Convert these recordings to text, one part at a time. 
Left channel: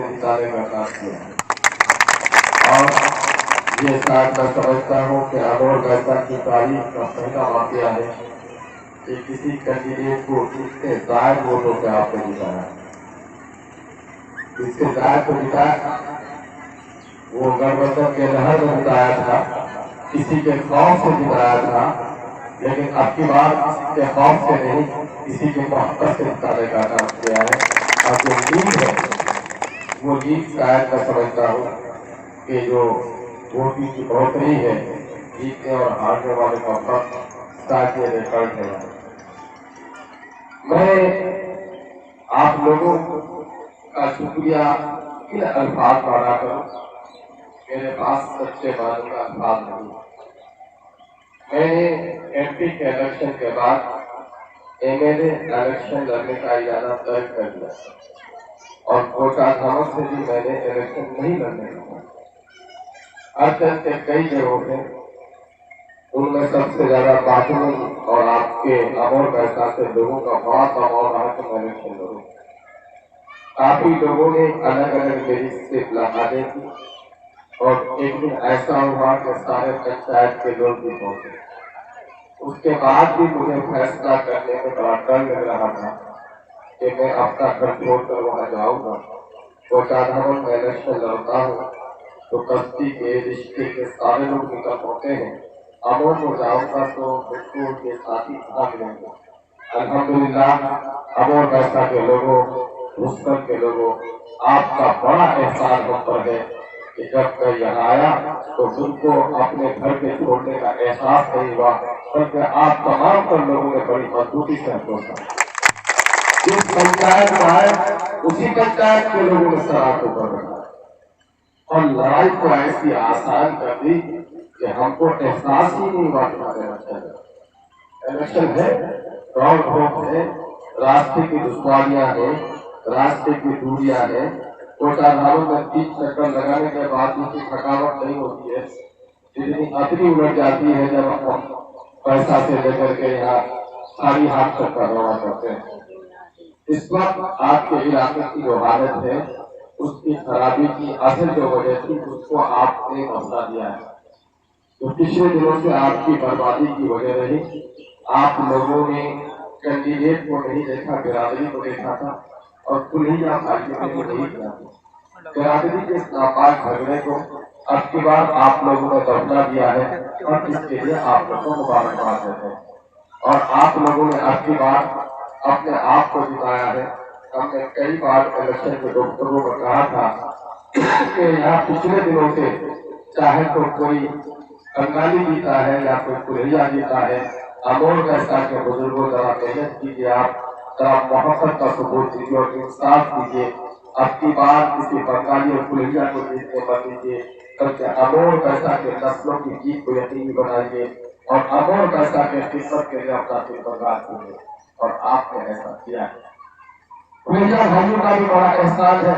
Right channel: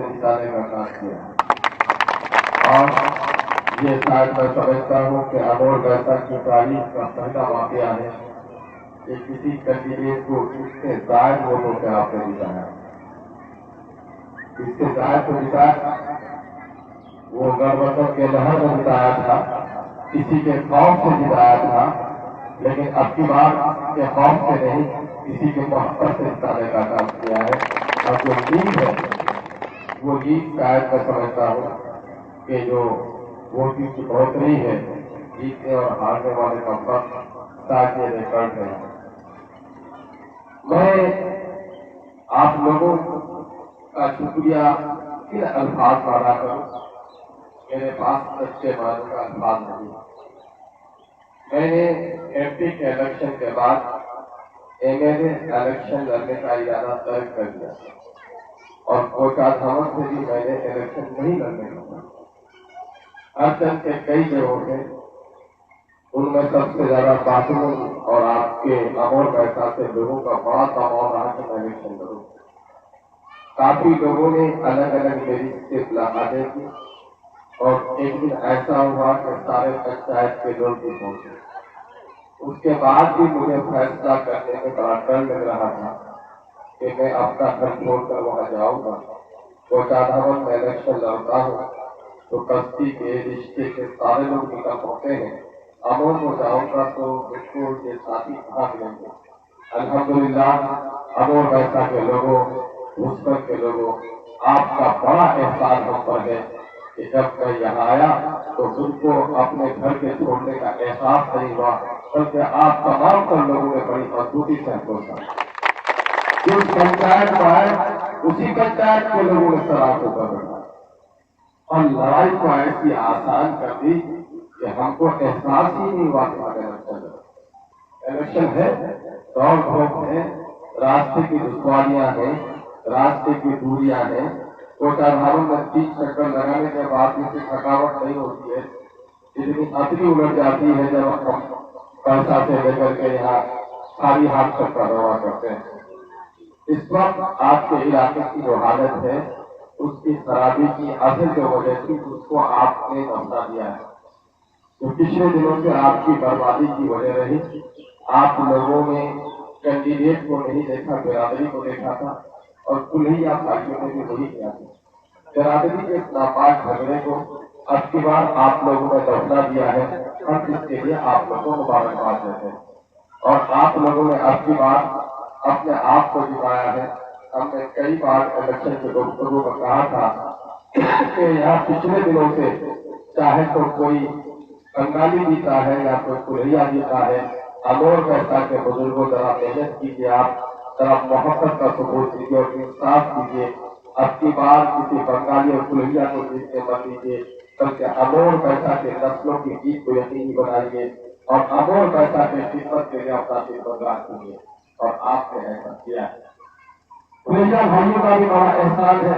سے نکالنے کا کام کیا ہے۔ اور یہ شاید میں سمجھتا ہوں کہ امور گلتا کی تاریخ کا پہلا واقعہ ہے کہ کسی کینڈیڈیٹ کو اس سے زائد ووٹوں سے آپ نے جتایا، اس سے زائد کو جتایا، وہ گٹھبندھن کے لحاظ سے جتایا تھا، کسی کے خوف سے جتایا تھا، لیکن اب کی بار کسی کے خوف سے نہیں، کسی کے محبت سے جتانے کا کام کیا ہے۔ اور جو جیت ہے وہ جیت شاید میں سمجھتا ہوں کہ جو ووٹنگ کی بڑھوتری ہے، جیتنے اور ہارنے والے کا فرق شاید یہ ریکارڈ ہے۔ میں آپ لوگوں کا شکریہ کن الفاظ میں ادا کروں، میرے پاس سچے معنوں کا الفاظ نہیں۔ میں نے ایم پی کے الیکشن کے بعد ایم ایل اے الیکشن لڑنے کا ارادہ طے کر دیا اور کوٹا دھمک سے بھی میں نے الیکشن نہیں لڑنے کا۔ ارجن کے کئی جگہوں تھے، ان میں سب سے زیادہ باتوں اور آپ کے امور پیسہ سے لوگوں کا بڑا دباؤ رہا کہ میں الیکشن لڑوں۔ کافی لوگوں نے الگ الگ میری سے ملاقاتیں کی اور ایک دن ایسا ہوا کہ سارے پنچایت کے لوگ بھی پہنچے۔ اس کے بعد بھی مجھے فیصلہ کرنے میں بڑا ڈر لگ رہا تھا کہ میں اپنا گھر چھوڑ کر وہاں جاؤں گا، کوٹا دھمن میں الیکشن لڑتا ہوں تو کستی کے رشتے کے سارے لوگ نکل پڑتے ہیں، امور کو جاؤں گا تو مجھ کو یہ ساتھی کہاں ملیں گے۔ الحمدللہ امور پیسہ کے لوگوں، مسکر کے لوگوں، آپ کا بڑا احسان ہم پر ہے کہ جب میں یہاں آیا تو تم کو اپنے گھر کے چھوڑنے کا احساس نہیں ہوا، بلکہ آپ تمام پر لوگوں نے بڑی مضبوطی سے ہمکا۔ جس پنچایت میں آئے اسی پنچایت کے لوگوں نے سراہوں کو کر رکھا اور لڑائی کو ایسی آسان کر دی کہ ہم کو احساس ہی نہیں ہوا کہ الیکشن ہے، دوڑ دھوپ ہے، راستے کی دشواریاں ہیں، راستے کی دوریاں ہیں۔ کوٹا دھمن میں 30 چکر لگانے کے بعد جتنی تھکاوٹ نہیں ہوتی ہے، جتنی اتری اڑ جاتی ہے جب ہم پیسہ سے لے کر کے یہاں ساری ہاتھ چکر رواں کرتے ہیں۔ اس وقت آپ کے علاقے کی جو حالت ہے، اس کی خرابی کی اصل جو وجہ تھی اس کو آپ نے بتا دیا ہے۔ تو پچھلے دنوں سے آپ کی بربادی کی وجہ رہی، آپ لوگوں نے کینڈیڈیٹ کو نہیں دیکھا، برادری کو دیکھا تھا اور کلیہ بھائیوں نے بھی نہیں کیا تھا۔ برادری کے اس ناپاک جھگڑے کو اب کی بار آپ لوگوں نے دبلا دیا ہے اور اس کے لیے آپ لوگوں کو مبارکباد دیتے ہیں۔ اور آپ لوگوں نے اب کی بار اپنے آپ کو جتایا ہے۔ ہم نے کئی بار الیکشن کے گفتگو میں کہا تھا کہ یہاں پچھلے دنوں سے چاہے تو کوئی بنگالی جیتا ہے یا کوئی کلیہ جیتا ہے، امور پیسہ کے بزرگوں ذرا محنت کیجیے، آپ ذرا محبت کا ثبوت دیجیے اور انصاف دیجیے۔ اب کی بار کسی بنگالی اور کلیہ کو جیتنے مت دیجیے، بلکہ امور پیسہ کے نسلوں کی جیت کو یقینی بنائیے اور امور پیسہ کے خدمت کے لیے اپنا دل برباد کیجیے۔ اور آپ نے ایسا کیا ہے۔ کلیہ بھائیوں کا بھی بڑا احسان ہے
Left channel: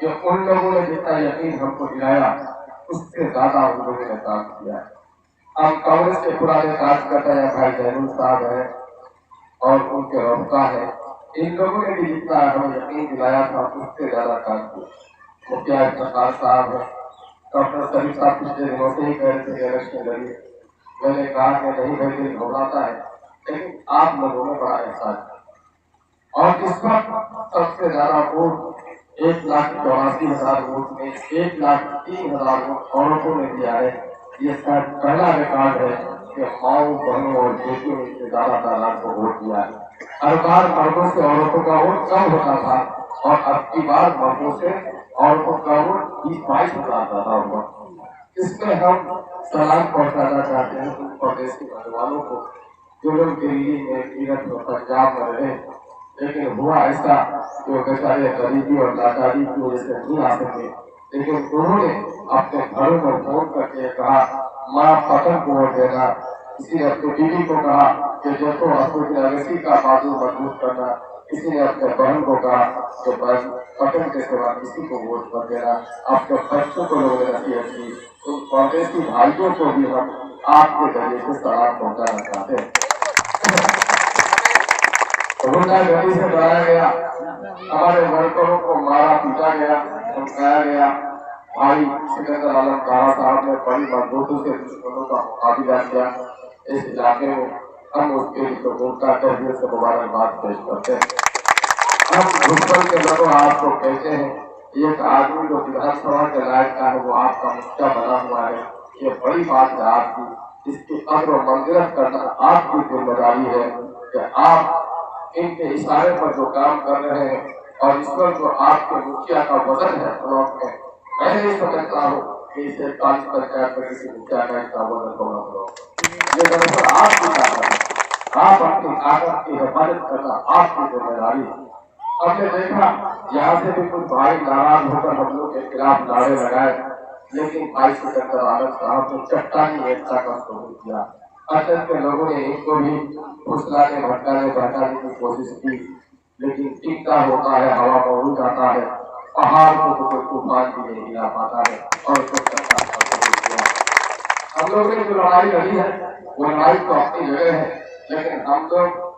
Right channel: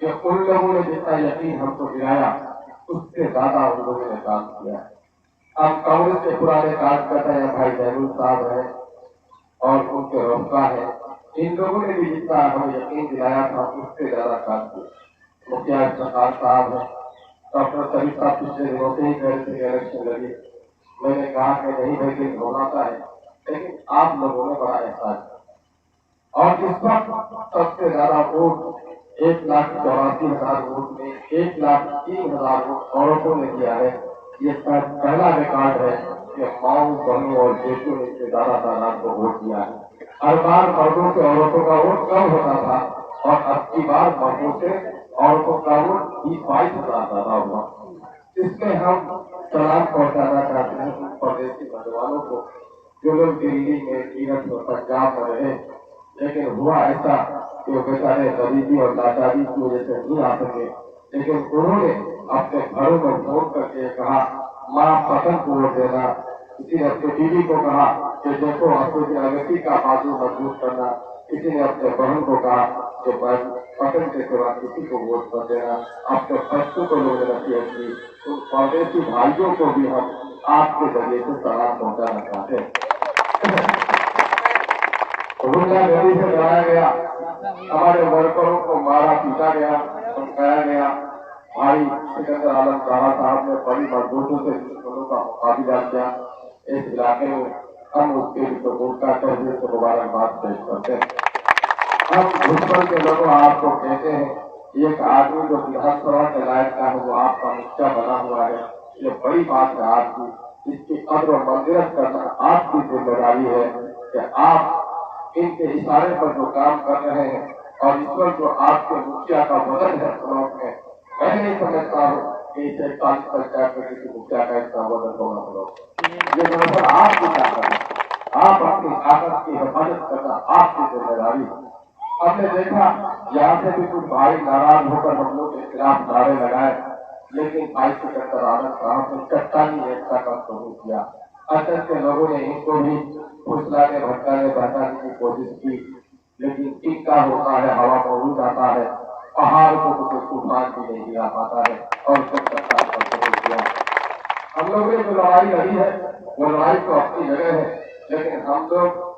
کہ ان لوگوں نے جتنا یقین ہم کو دلایا اس سے زیادہ ان لوگوں نے کام کیا ہے۔ ہم کانگریس کے پرانے کارکرتا ہیں، بھائی زینول صاحب ہیں اور ان کے رفقا ہیں، ان لوگوں نے بھی جتنا ہمیں یقین دلایا تھا اس سے زیادہ کام کیا۔ مکھیا افتخار صاحب ہیں، ڈاکٹر شریف صاحب پچھلے دنوں سے ہی کہہ رہے تھے الیکشن لڑیے، میں نے کہا کہ نہیں بھائی دل گھبراتا ہے، لیکن آپ لوگوں نے بڑا احساس کیا۔ اور اس وقت سب سے زیادہ ووٹ 1,84,000 ووٹ میں 1,03,000 ووٹ عورتوں نے دیا ہے۔ یہ شاید پہلا ریکارڈ ہے کہ ماؤں بہنوں اور بیٹیوں نے سے زیادہ تعداد کو ووٹ دیا ہے۔ ہر بار مردوں سے عورتوں کا ووٹ کم ہوتا تھا اور اب کی بار مردوں سے عورتوں کا ووٹ 20-22,000 زیادہ ہوا۔ اس میں ہم سلام پہنچانا چاہتے ہیں ان پردیسی نوجوانوں کو جو لوگ دلی میں، میرٹھ اور پنجاب میں رہے، لیکن ہوا ایسا کہ وہ بیچارے غریبی اور لاچاری کی وجہ سے نہیں آ سکے، لیکن انہوں نے اپنے گھروں میں فون کر کے کہا ماں پتن کو ووٹ دینا۔ کسی نے اپنی بیوی کو کہا کہ دیکھو اپنی اگسی کا بازو مضبوط کرنا، کسی نے اپنے بہن کو کہا کہ پتن کے سوا کسی کو ووٹ نہ دینا، اپنے بچوں کو لوگوں نے نصیحت کی۔ ان کانگریسی بھائیوں کو بھی ہم آپ کے ذریعے سے سلام پہنچانا چاہتے ہیں۔ غنڈہ گردی سے بلایا گیا، ہمارے ورکروں کو مارا پیٹا گیا، समझाया गया। भाई सिकंदर आलम खाना साहब ने बड़ी मजबूती से दुश्मनों का मुकाबला किया। इस इलाके में हम उसके लिए वोट का तहरीर से मुबारकबाद पेश करते हैं। हम दुश्मन के लोगों आपको कहते हैं, एक आदमी जो विधानसभा के लायक का है वो आपका मुखिया बना हुआ है, ये बड़ी बात है आपकी। इसकी कब्र और मंजिलत करना आपकी जिम्मेदारी है कि आप इनके इशारे पर जो काम कर रहे हैं और ईश्वर जो आपके मुखिया का वजन है ब्लॉक में, मैं नहीं समझता हूँ कि इसे 40 पंचायत में किसी मुखिया का इतना वजन होना ब्लॉक। ये दरअसल आपकी ताकत है, आप अपनी ताकत की हिफाजत करना आपकी जिम्मेदारी है। हमने देखा यहाँ से भी कुछ भाई नाराज होकर हम लोग के खिलाफ नारे लगाए, लेकिन भाई सिकंदर आलम साहब ने चट्टानी एकता का शुरू किया। अचल के लोगों ने इनको भी फुसलाने भटकाने बहकाने की कोशिश की, लेकिन टिक्का होता है, हवा में उड़ जाता है, पहाड़ को तो तूफान भी नहीं हिला पाता है और उसने चट्टान का शुरू किया। हम लोग ने जो लड़ाई लड़ी है वो लड़ाई तो अपनी जगह है, लेकिन हम लोग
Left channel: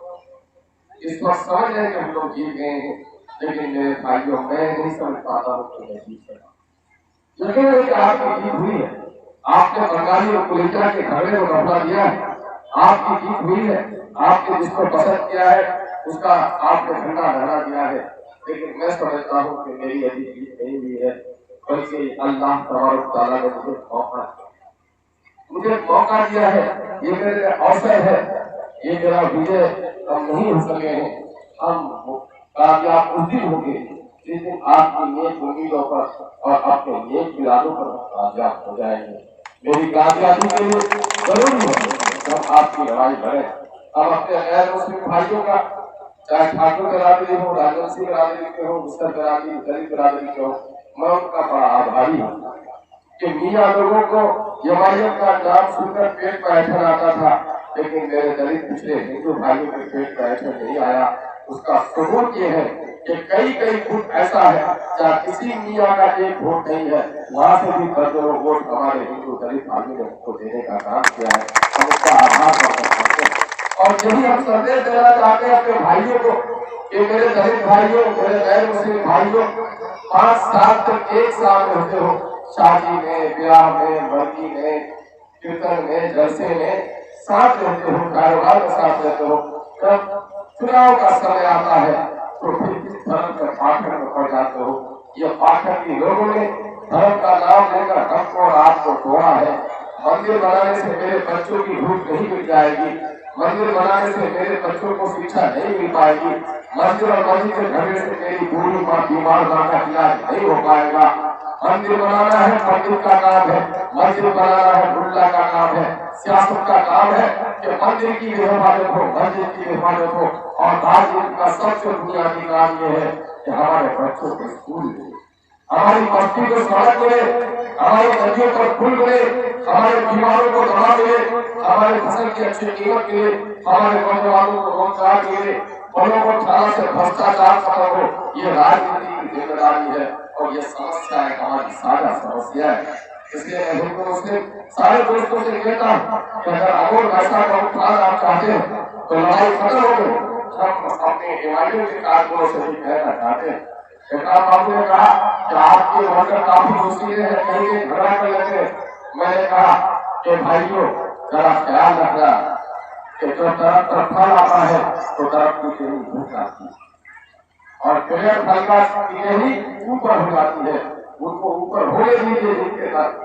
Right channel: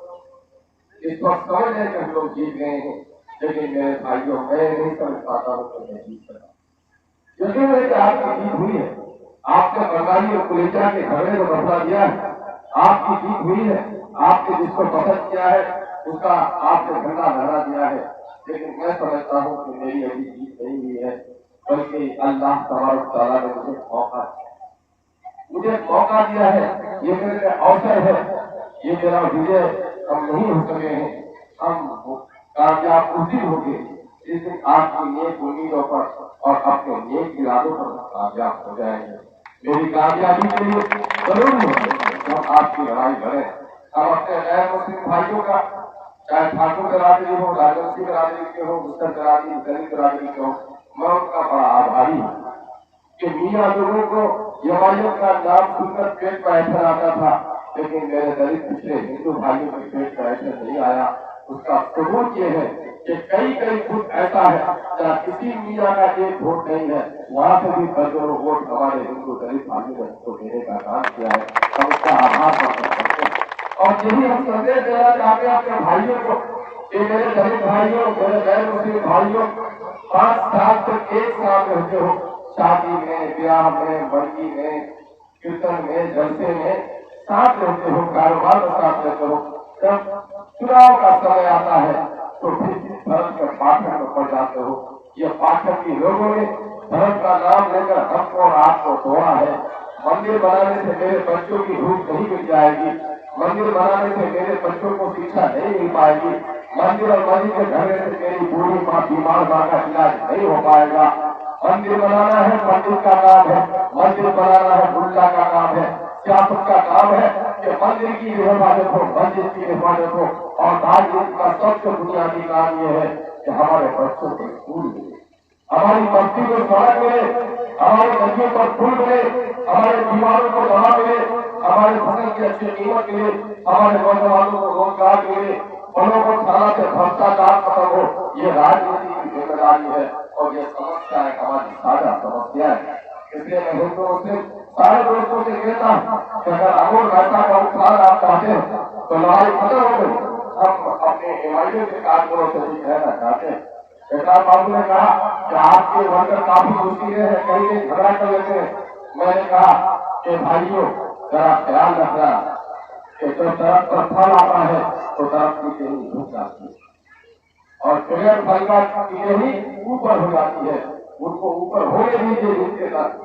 इस वक्त समझ रहे हैं कि हम लोग जीत गए हैं, लेकिन मेरे भाइयों मैं नहीं समझ पाता हूँ कि मैं जीत सका। यकीन है कि आपकी जीत हुई है, आपने बंगाली और कुलेचा के झगड़े को दफना दिया है, आपकी जीत हुई है, आपने जिसको पसंद किया है उसका आपने झंडा लहरा दिया है। लेकिन मैं समझता हूँ कि मेरी अभी जीत नहीं हुई है, बल्कि अल्लाह तबारक तआला ने मुझे मौका दिया है, ये मेरे अवसर है, ये मेरा विजय हम नहीं हो सके हैं। हम कामयाब उस दिन होंगे जिस दिन आपकी नेक उम्मीदों पर और अपने नेक इरादों पर कामयाब हो जाएंगे। मेरी कामयाबी के लिए जरूरी है जब आपकी लड़ाई लड़े। हम अपने गैर मुस्लिम भाइयों का, चाहे ठाकुर बिरादरी हो, राजवंशी बिरादरी के हो, मुस्लिम बिरादरी, दलित बिरादरी के हो, मैं उनका बड़ा आभारी हूँ कि मियाँ लोगों को जमाइयत का नाम सुनकर पेट पर ऐठन आता था, लेकिन मेरे दलित पिछले हिंदू भाइयों के पेट पर ऐठन नहीं आया। उसका सबूत ये है कि कई कई फुट ऐसा है जहाँ किसी मियाँ का एक वोट नहीं है, वहाँ से भी दर्जनों वोट हमारे हिंदू दलित भाइयों ने उसको देने का काम किया है। हम उसका आभार मानते हैं और यही हम संदेश देना चाहते हैं अपने भाइयों को कि मेरे दलित भाइयों, मेरे गैर मुस्लिम भाइयों, 5 साल तक एक साथ रहते हो, शादी में, ब्याह में, वर्गी में, कीर्तन में, जलसे में साथ रहते हो, कारोबार में साथ रहते हो, जब चुनाव का समय आता है तो फिर किस धर्म के पाठक में पड़ जाते हो। ये पाठक की लोगों ने धर्म का नाम लेकर हमको और आपको तोड़ा है। मंदिर बनाने से मेरे बच्चों की भूख नहीं मिल जाएगी, मंदिर बनाने से मेरे बच्चों को शिक्षा नहीं मिल पाएगी, मंदिर और मस्जिद के झगड़े से मेरी बूढ़ी माँ बीमार माँ का इलाज नहीं हो पाएगा। मंदिर बनाना है पंडित का काम है, मंदिर बनाना है मुल्ला का काम है, सियासत का काम है कि मंदिर की भी हिफाजत हो, मस्जिद की हिफाजत हो, और राजनीति का सबसे बुनियादी काम ये है कि हमारे बच्चों को स्कूल मिले, हमारी बस्ती को सड़क मिले, हमारी नदियों पर पुल मिले, हमारे बीमारों को दवा मिले, हमारे फसल की अच्छी कीमत मिले, हमारे नौजवानों को रोजगार मिले, बड़ों को थाना से भ्रष्टाचार खत्म हो। ये राजनीति की जिम्मेदारी है और ये समस्या है, हमारी साझा समस्या है। इसलिए मैं हिंदू मुस्लिम सारे दोस्तों से कहता हूँ कि अगर अमोल वैसा का उत्थान आप चाहते हैं तो लड़ाई खत्म हो गई। हम अपने एमआईएम के कारकुनों से भी कहना चाहते हैं, बाबू ने कहा कि आपके वर्कर काफी जोशीले हैं, कहीं कहीं झगड़ा कर लेते हैं। मैंने कहा कि भाइयों जरा ख्याल रखना कि जो तरफ पर फल आता है तो तरफ की तेरी भूख आती है और पेड़ फल का ही ऊपर हो जाती है, उनको ऊपर होने दीजिए जिनके फल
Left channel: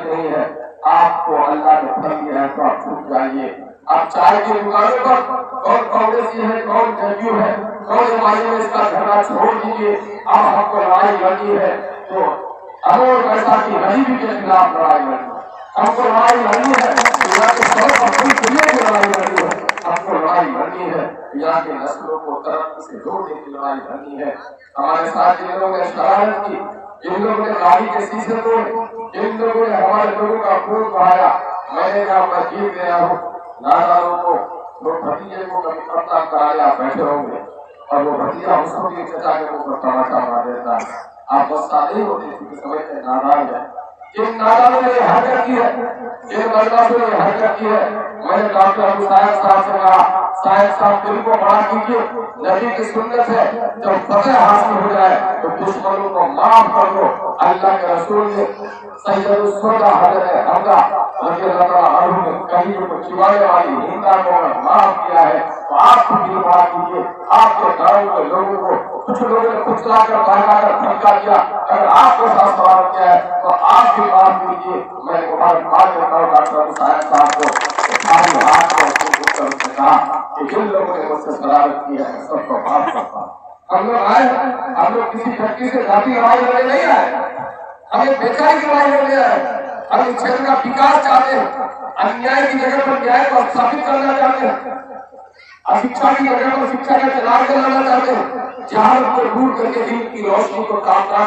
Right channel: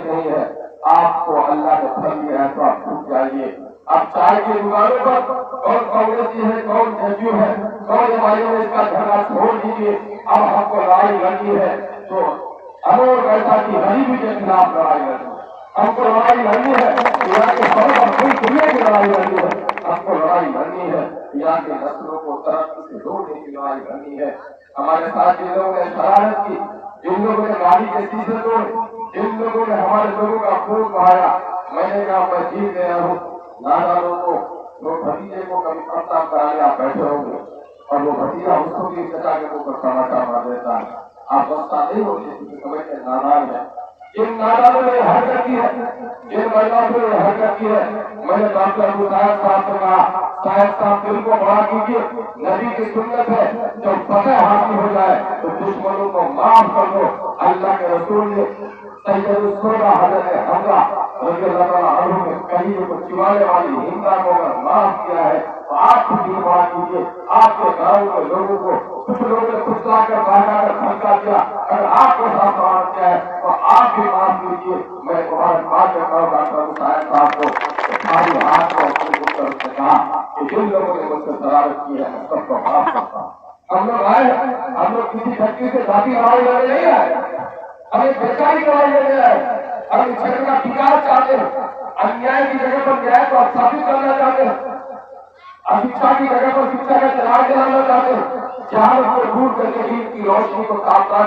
नहीं है। आपको अल्लाह ने फल दिया है तो आप छूट जाइए। अब चाय की दुकानों पर कौन कांग्रेसी है, कौन जदयू है, कौन एमआईएम है, इसका झगड़ा छोड़ दीजिए। अब हमको लड़ाई लड़नी है तो अमोल वैसा की गरीबी के खिलाफ लड़ाई लड़नी है, हमको लड़ाई लड़नी है यहाँ के सब अपनी दुनिया की लड़ाई लड़नी है, हमको लड़ाई लड़नी है यहाँ के नस्लों को तरक्की से जोड़ने की लड़ाई लड़नी है। हमारे साथ जिन लोगों ने शरारत की, जिन लोगों ने गाड़ी के शीशे तोड़े, जिन लोगों ने हमारे लोगों का खून बहाया, मैंने कहा मैं जीत गया हूँ। नादारों को, वो भतीजे को कभी पता करा लिया बैठे होंगे और वो भतीजा उसको भी चचा के ऊपर तमाचा मार देता है। आप गुस्सा नहीं होते क्योंकि समझ के नादार है। जिन नादारों ने हरकत की है, जिन महिलाओं ने हरकत की है, मैंने डॉक्टर अबू साहब से कहा साहिब साहब दिल को बड़ा कीजिए। नबी की सुन्नत है जब फतह हासिल हो जाए तो दुश्मनों को माफ कर दो। अल्लाह के रसूल ने सैयद सुन्ना हजरत हमजा रज़ियल्लाहु ताला अन्हु ने कहीं को चिवाने वाली हिंदा को अगर माफ किया है तो आप भी दिल बड़ा कीजिए। आपके गांव के लोगों को कुछ लोगों ने कुचला कर बहका कर धमका दिया, अगर आपको साथ सवाल किया है तो आप भी माफ कीजिए। मैं मुबारकबाद करता हूँ डॉक्टर साहब साहब को, सारे हाथ को उसने कहा कि जिन लोगों ने मुझसे शरारत की है सबको माफ करता। हम लोग आए, हम लोग किसी व्यक्ति से जाति लड़ाई लड़ने नहीं आए, हमें बेकारी की लड़ाई लड़ने आए। हम इस क्षेत्र का विकास चाहते हैं, अन्याय की जगह पर न्याय को स्थापित करना चाहते हैं, अशिक्षा की जगह पर शिक्षा का चुनाव कराना चाहते हैं, जहां को दूर करके दिन की रोशनी को कामना